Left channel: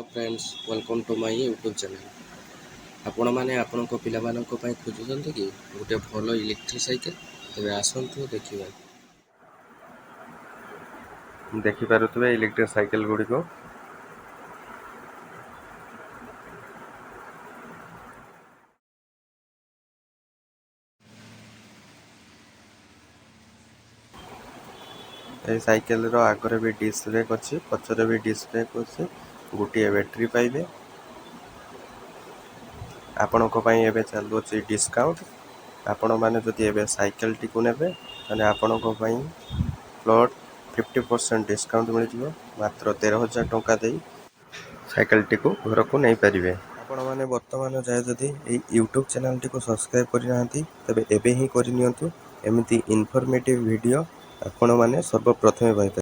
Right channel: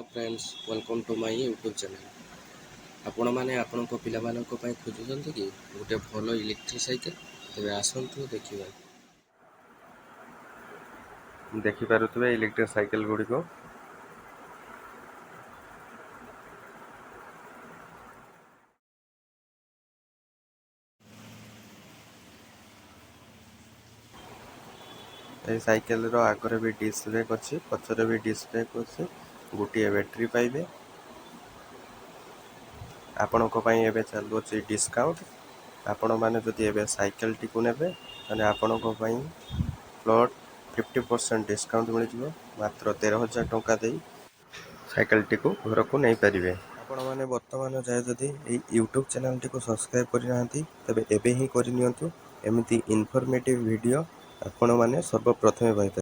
Hello friends, welcome to my YouTube channel. आपण मैंने आपण पिलामानक खोजुंट कि गोटे भल इलेक्ट्रिक साइकेल तेज आसतु देखिपे इलेक्ट्रिक साइकेल गुड़िक साइकेल आगे भी डिस्क ब्रेक अच्छी, पचर भी डिस्क ब्रेक अच्छी, गोटे बैटेरी पाइबे। आपण चलुच डिस्काउंट। आपण मैंने जदि एवं साइकेल टी को नेबे ताने आपण प्लॉट 50% डिस्काउंट मिल जाव। मात्र 13,000 टंका दे साइकेल टी को घर को नहीं पारे। आपण मैंने वर्तमान जाए जदि यूट्यूब चैनल टी को सब्सक्राइब करना तेबे एबे ही करनियंतु। एमिति इनफॉर्मेटिव वीडियो आपण मैंने सर्वप्रथमे पाई।